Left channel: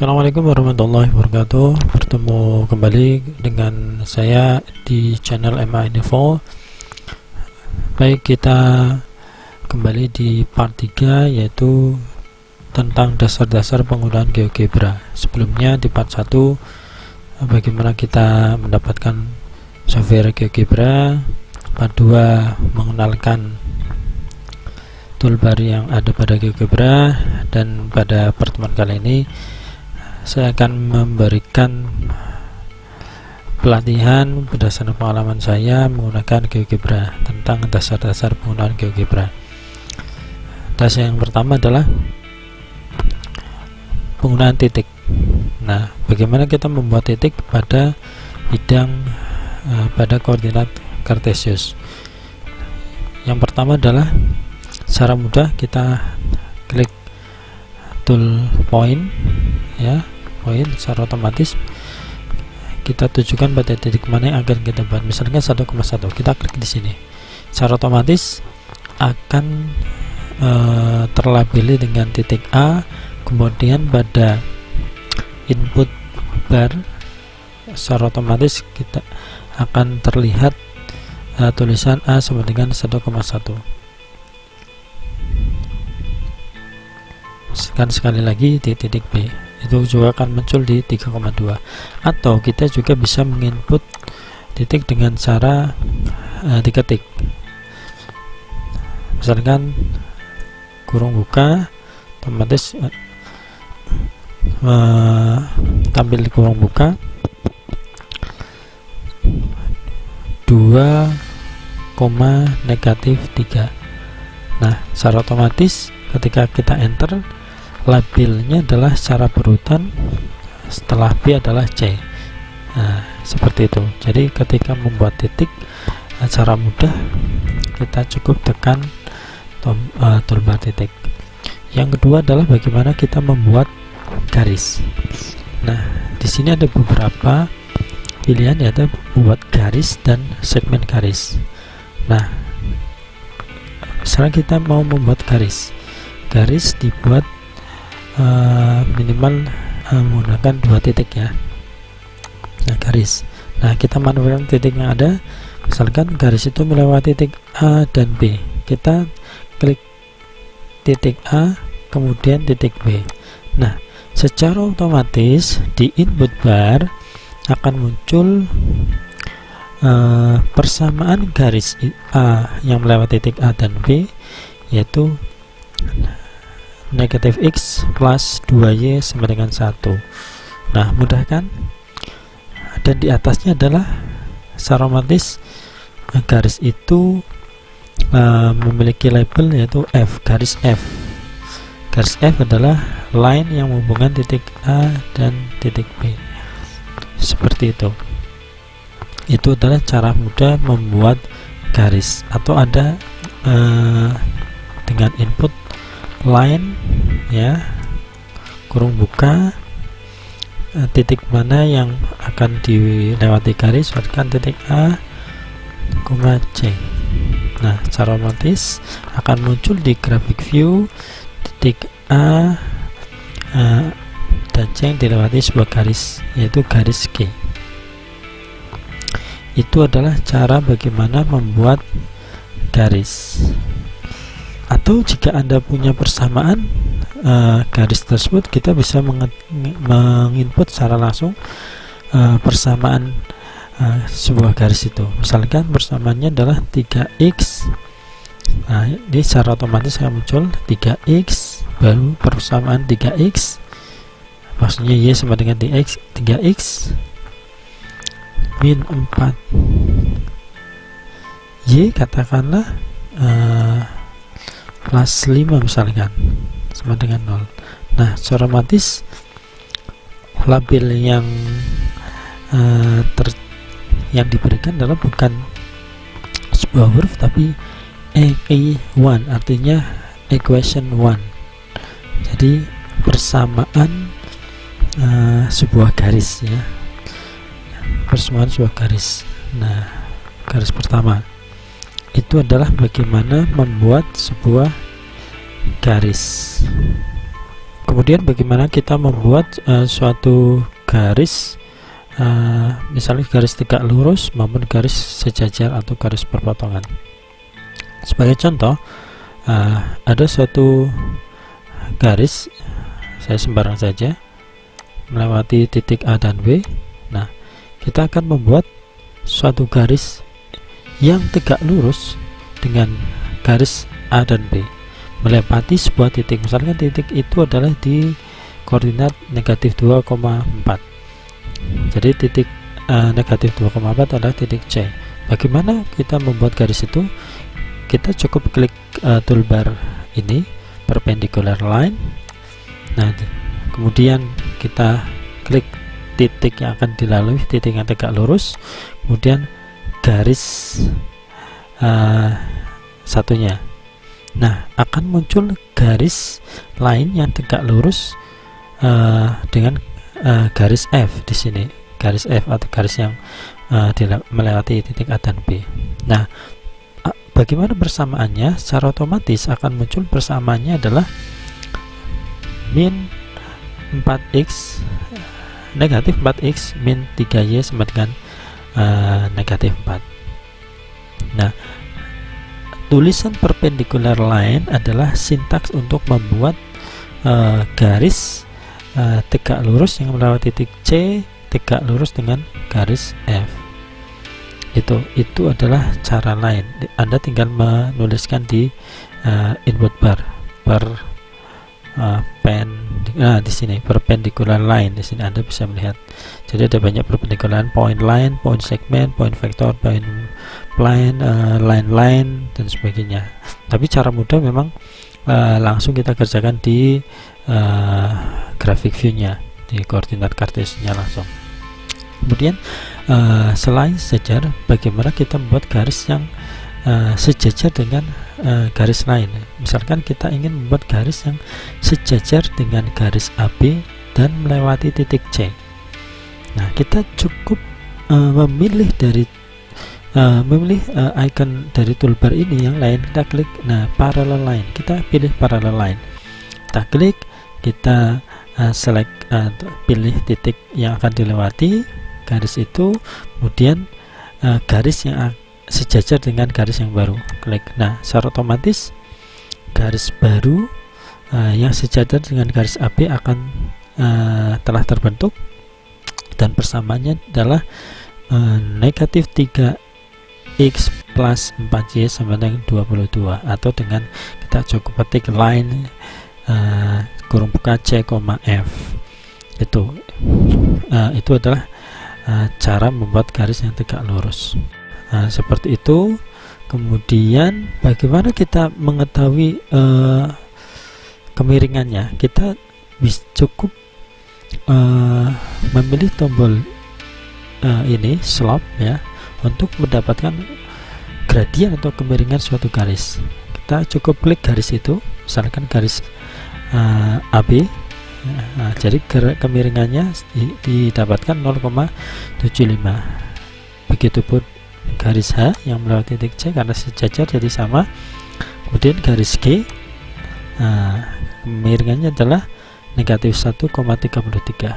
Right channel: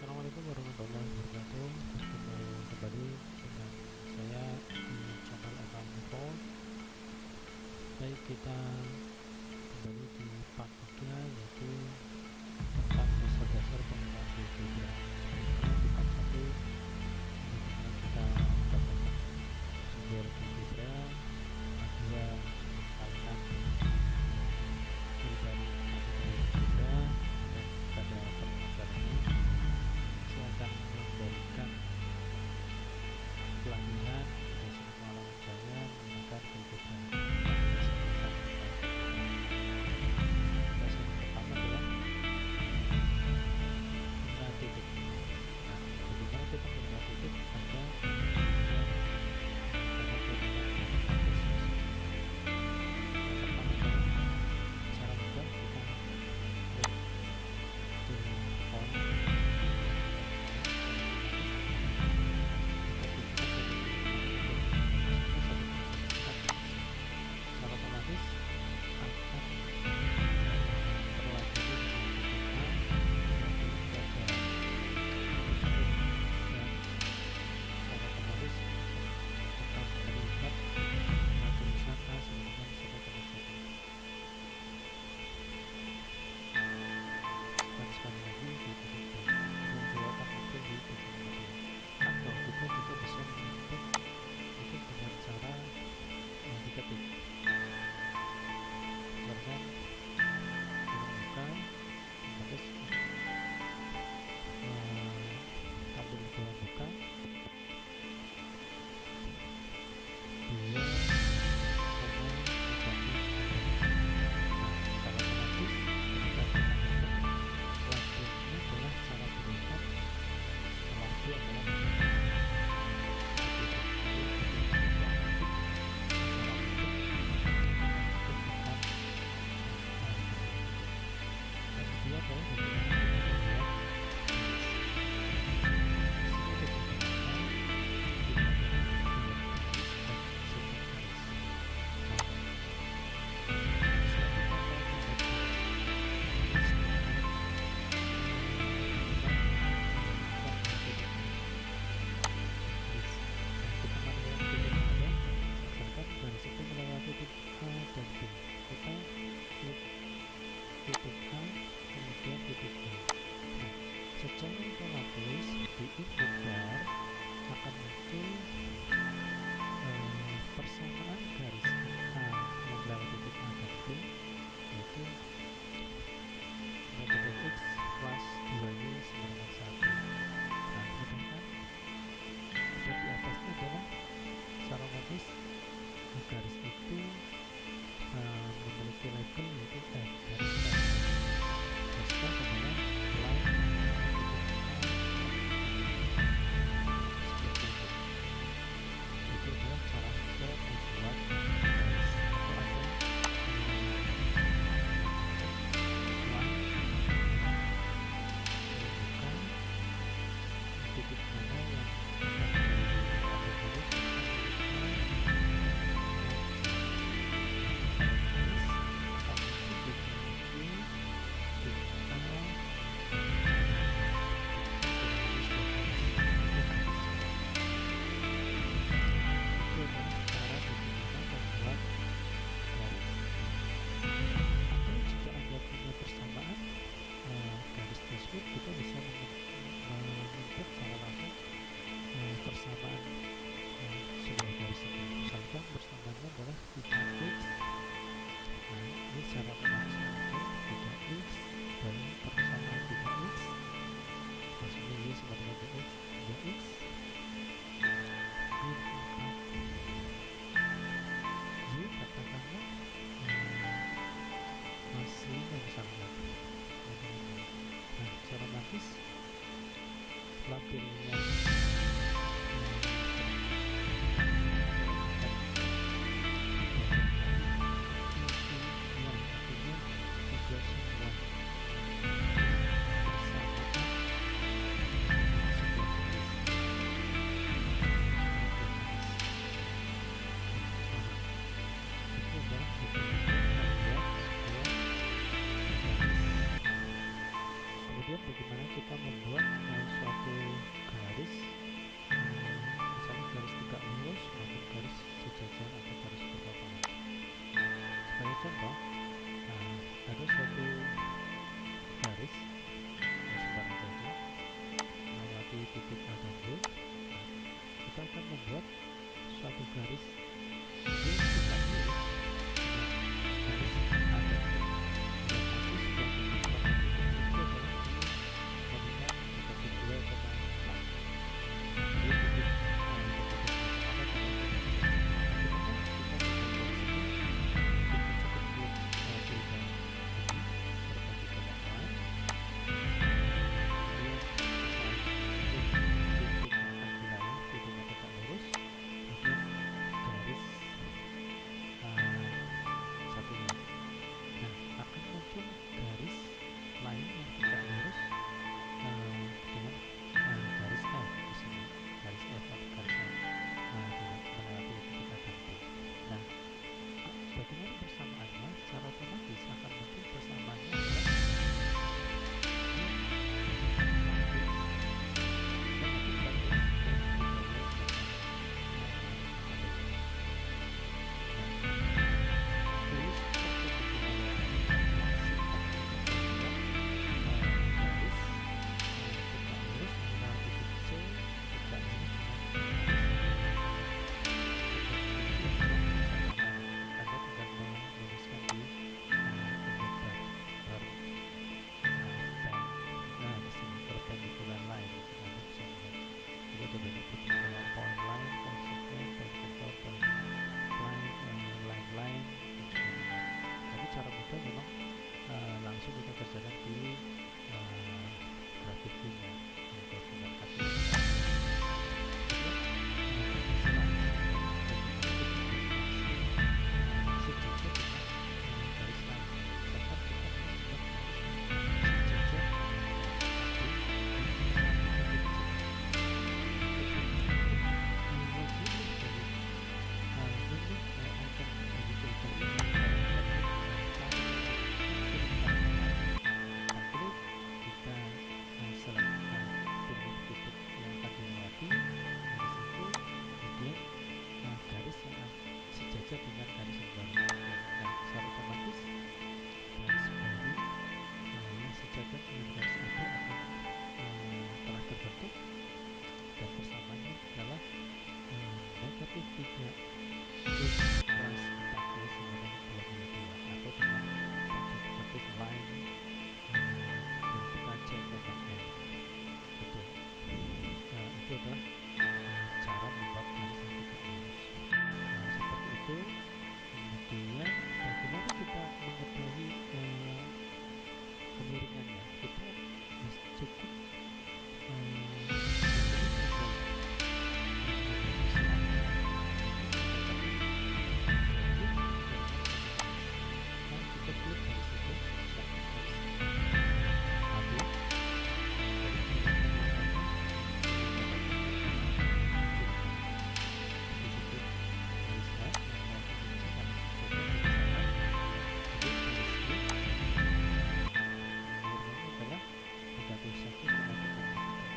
Assalamualaikum warahmatullahi wabarakatuh. Bertemu kembali dengan saya di channel MA Info. Baik, kita kembali di part 3, yaitu tentang dasar-dasar penggunaan GeoGebra. Sebelumnya di part 1, bagaimana kita mendapatkan software GeoGebra. Part 2, mengenalkan toolbar yang ada pada GeoGebra. Dan pada pertemuan kali ini saya akan memberikan pelatihan berdasarkan pengalaman saya menggunakan GeoGebra, tentang dasar-dasar penggunaan GeoGebra. Dasar yang pertama adalah penggunaan titik. Nah, bagaimana kita membuat titik pada bidang pada koordinat Cartesius. Yang pertama adalah secara mudah kita klik tool point, ya, point secara otomatis kita tujukan pada titik mana yang akan kita buat. Misalnya 1,1, kita klik di sini, secara otomatis akan terlabeli dengan titik A. Kemudian pada input bar secara otomatis kita akan terlihat tulisan A sama dengan 1,1. Sekali lagi di titik B, itu juga akan muncul di 3,2. Atau kita juga bisa menginput titik dengan cara diketik, misalkan kurung buka, otomatis tampil di kurung buka 2, -3. Nah, secara otomatis ketika kita enter, labelnya adalah secara berurutan, setelah B adalah C. Nah, seperti itu. Jadi ketika membuat titik secara mudah, kita cukup tekan toolbar titik. Yang kedua adalah bagaimana kita membuat garis. Nah, di sini ada beberapa pilihan, yaitu buat garis dan segmen garis. Nah, misalnya kita mau membuat garis dibuat minimal menggunakan 2 titik, ya. Nah, garis. Nah, kita manfaatkan titik yang ada. Misalkan garis itu melewati titik A dan B. Kita klik titik A, kemudian titik B. Nah, secara otomatis di input bar akan muncul persamaan garis A yang melewati titik A dan B, yaitu -x plus 2y sama dengan 1. Nah, mudah kan? Dan di atasnya adalah secara otomatis garis itu memiliki label, yaitu F, garis F. Garis F adalah line yang menghubungkan titik A dan titik B. Seperti itu. Itu adalah cara mudah membuat garis. Atau ada dengan input line, ya, kurung buka, titik mana yang akan dilewati garis, misalkan titik A, C. Nah, secara otomatis akan muncul di graphic view titik A dan C yang dilewati sebuah garis, yaitu garis G. Itu adalah cara bagaimana membuat garis. Atau jika Anda punya persamaan garis tersebut, kita bisa menginput secara langsung persamaan sebuah garis itu. Misalkan persamaannya adalah 3x. Nah, ini secara otomatis akan muncul 3x, baru persamaan 3x, maksudnya y sama dengan 3x min 4, y katakanlah plus 5 misalkan, sama dengan 0. Nah, secara otomatis label yang diberikan adalah bukan sebuah huruf, tapi EQ1, artinya equation 1. Jadi persamaan sebuah garis, ya, persamaan sebuah garis. Nah, garis pertama itu adalah bagaimana membuat sebuah garis Kemudian bagaimana kita membuat suatu garis, misalnya garis tegak lurus maupun garis sejajar atau garis berpotongan. Sebagai contoh, ada suatu garis, saya sembarang saja, melewati titik A dan B. Nah, kita akan membuat suatu garis yang tegak lurus dengan garis A dan B melewati sebuah titik. Misalkan titik itu adalah di koordinat negatif 2,4. Jadi titik negatif 2,4 adalah titik C. Bagaimana kita membuat garis itu? Kita cukup klik toolbar ini, perpendicular line. Nah, kemudian kita klik titik yang akan dilalui, titik yang tegak lurus, kemudian garis satunya. Nah, akan muncul garis lain yang tegak lurus dengan garis F di sini, garis F atau garis yang melewati titik A dan B. Nah, bagaimana persamaannya? Secara otomatis akan muncul persamaannya adalah min 4x negatif 4x min 3y sama dengan negatif 4. Nah, tulisan perpendicular line adalah sintaks untuk membuat garis tegak lurus yang melewati titik C tegak lurus dengan garis F. Itu adalah cara lain. Anda tinggal menuliskan di input bar di sini perpendicular line. Di sini Anda bisa melihat. Jadi ada banyak perpendicular line, point segment, point vector, point line, line dan sebagainya. Tapi cara mudah memang langsung kita kerjakan di graphic view-nya, di koordinat kartesinya langsung. Kemudian selain sejajar, bagaimana kita membuat garis yang sejajar dengan garis lain. Misalkan kita ingin membuat garis yang sejajar dengan garis AB dan melewati titik C. Nah, kita cukup memilih icon dari toolbar ini yang lain. Kita klik, parallel line. Kita pilih parallel line. Kita klik, kita select, pilih titik yang akan dilewati garis itu, kemudian garis yang sejajar dengan garis yang baru. Klik. Nah, secara otomatis garis baru yang sejajar dengan garis AB akan telah terbentuk, dan persamaannya adalah negatif 3x plus 4y sama dengan 22, atau dengan kita cukup ketik line kurung buka C, F. Itu adalah cara membuat garis yang tegak lurus. Seperti itu. Kemudian bagaimana kita mengetahui kemiringannya? Kita cukup memilih tombol ini slope ya, untuk mendapatkan gradien atau kemiringan suatu garis. Kita cukup klik garis itu, misalkan garis AB. Nah, jadi kemiringannya didapatkan 0,75. Begitupun garis H yang melewati titik C karena sejajar jadi sama. Kemudian garis G, kemiringannya adalah negatif 1,33.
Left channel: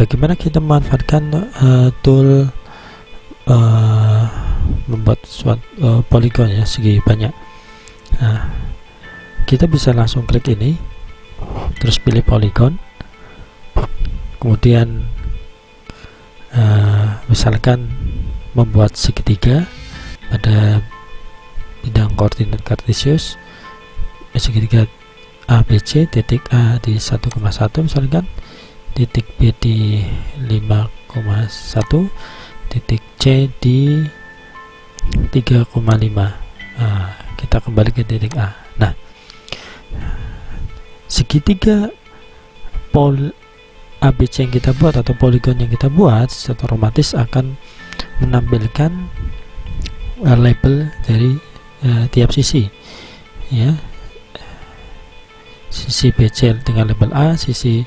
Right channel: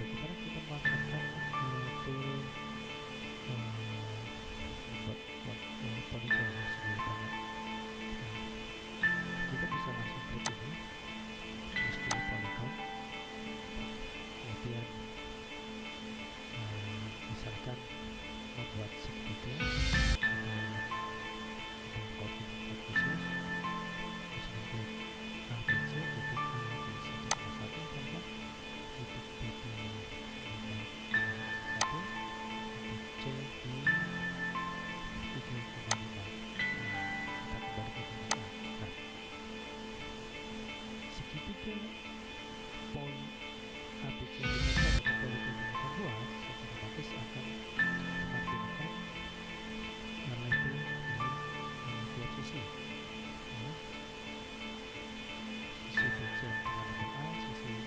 Bagaimana kita memanfaatkan tool membuat suatu poligon ya, segi banyak. Nah, kita bisa langsung klik ini, terus pilih poligon, kemudian misalkan membuat segitiga pada bidang koordinat kartesius, segitiga ABC, titik A di 1,1 misalkan, titik B di 5,1, titik C di 3,5. Kita kembali ke titik A. Nah, segitiga ABC yang kita buat atau poligon yang kita buat secara otomatis akan menampilkan label dari tiap sisi ya. Sisi BC dengan label A, sisi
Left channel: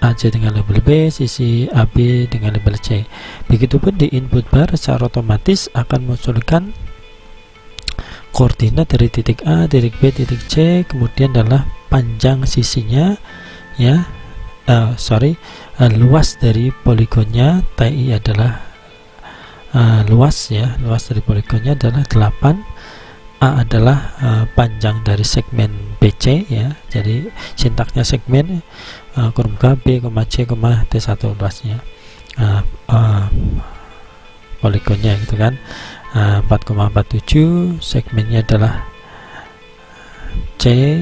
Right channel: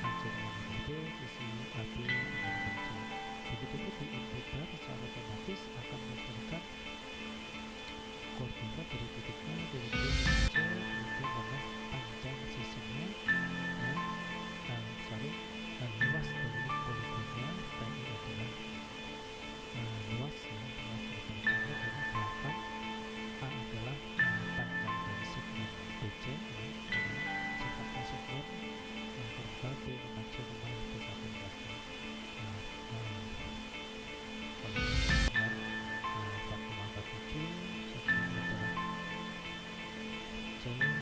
AC dengan label B, sisi AB dengan label C. Begitupun di input bar secara otomatis akan munculkan koordinat dari titik A, titik B, titik C, kemudian adalah panjang sisinya ya, luas dari poligonnya. TI adalah luas ya, luas dari poligonnya adalah 8. A adalah panjang dari segmen BC ya, jadi sintaknya segmen kurung K, B, C, T1 luasnya poligonnya gitu kan. 4,47 segmennya adalah C,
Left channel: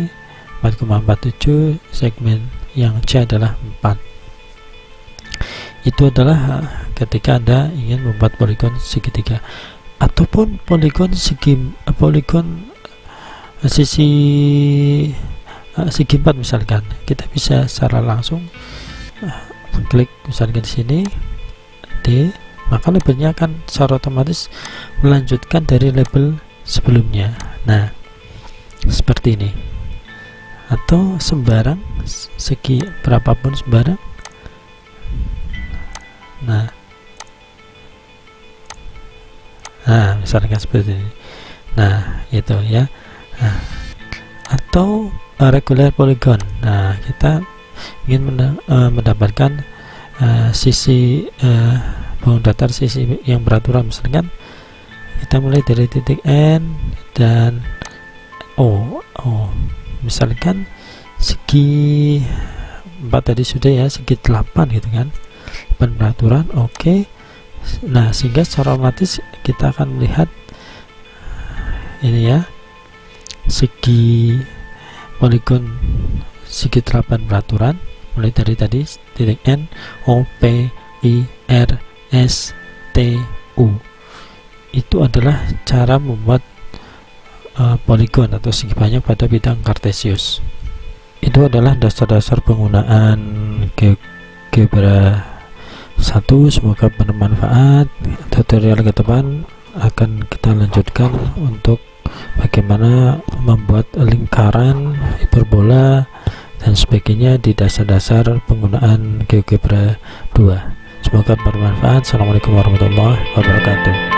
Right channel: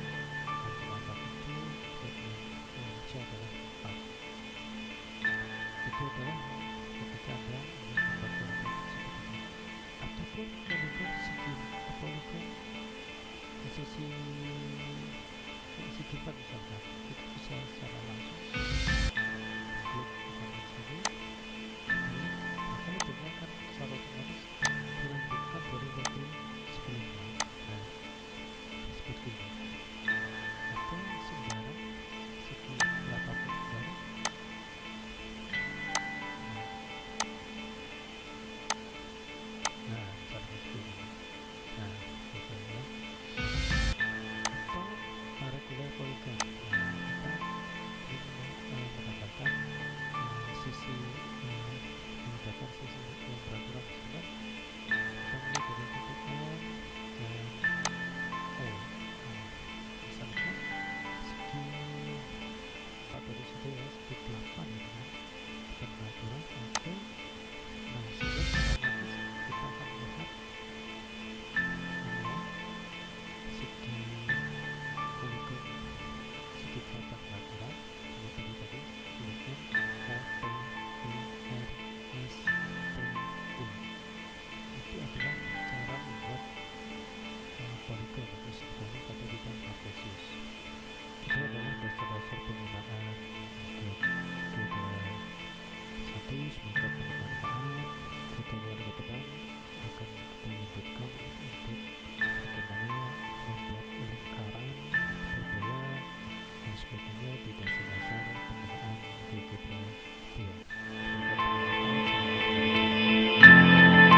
4,47 segmen yang C adalah 4. Itu adalah ketika Anda ingin membuat poligon segitiga ataupun poligon sisi segi 4 misalkan. Kita bisa secara langsung klik misalkan di sini D, maka labelnya akan secara otomatis melanjutkan dari label sebelumnya. Nah, seperti ini. Atau sembarang segi berapapun sembarang. Nah, misalkan seperti ini. Nah, itu ya. Nah, atau regular polygon. Nah, kita ingin mendapatkan sisi bangun datar sisi yang beraturan. Misalkan kita mulai dari titik N dan O. Misalkan segi 4 tadi sudah ya, segi 8 gitu kan, 8 beraturan. Oke. Nah, sehingga secara otomatis kita akan melihat ini ya, segi poligon segi 8 beraturan mulai dari tadi titik N, O, P, I, R, S, T, U. Itu adalah cara membuat poligon atau segi banyak pada bidang kartesius. Itu adalah dasar-dasar penggunaan GeoGebra 1. Semoga bermanfaat. Tutorial ke depan akan kita lanjutkan untuk bagaimana membuat lingkaran, hiperbola dan sebagainya di dasar-dasar penggunaan GeoGebra 2. Semoga bermanfaat. Assalamualaikum warahmatullahi wabarakatuh.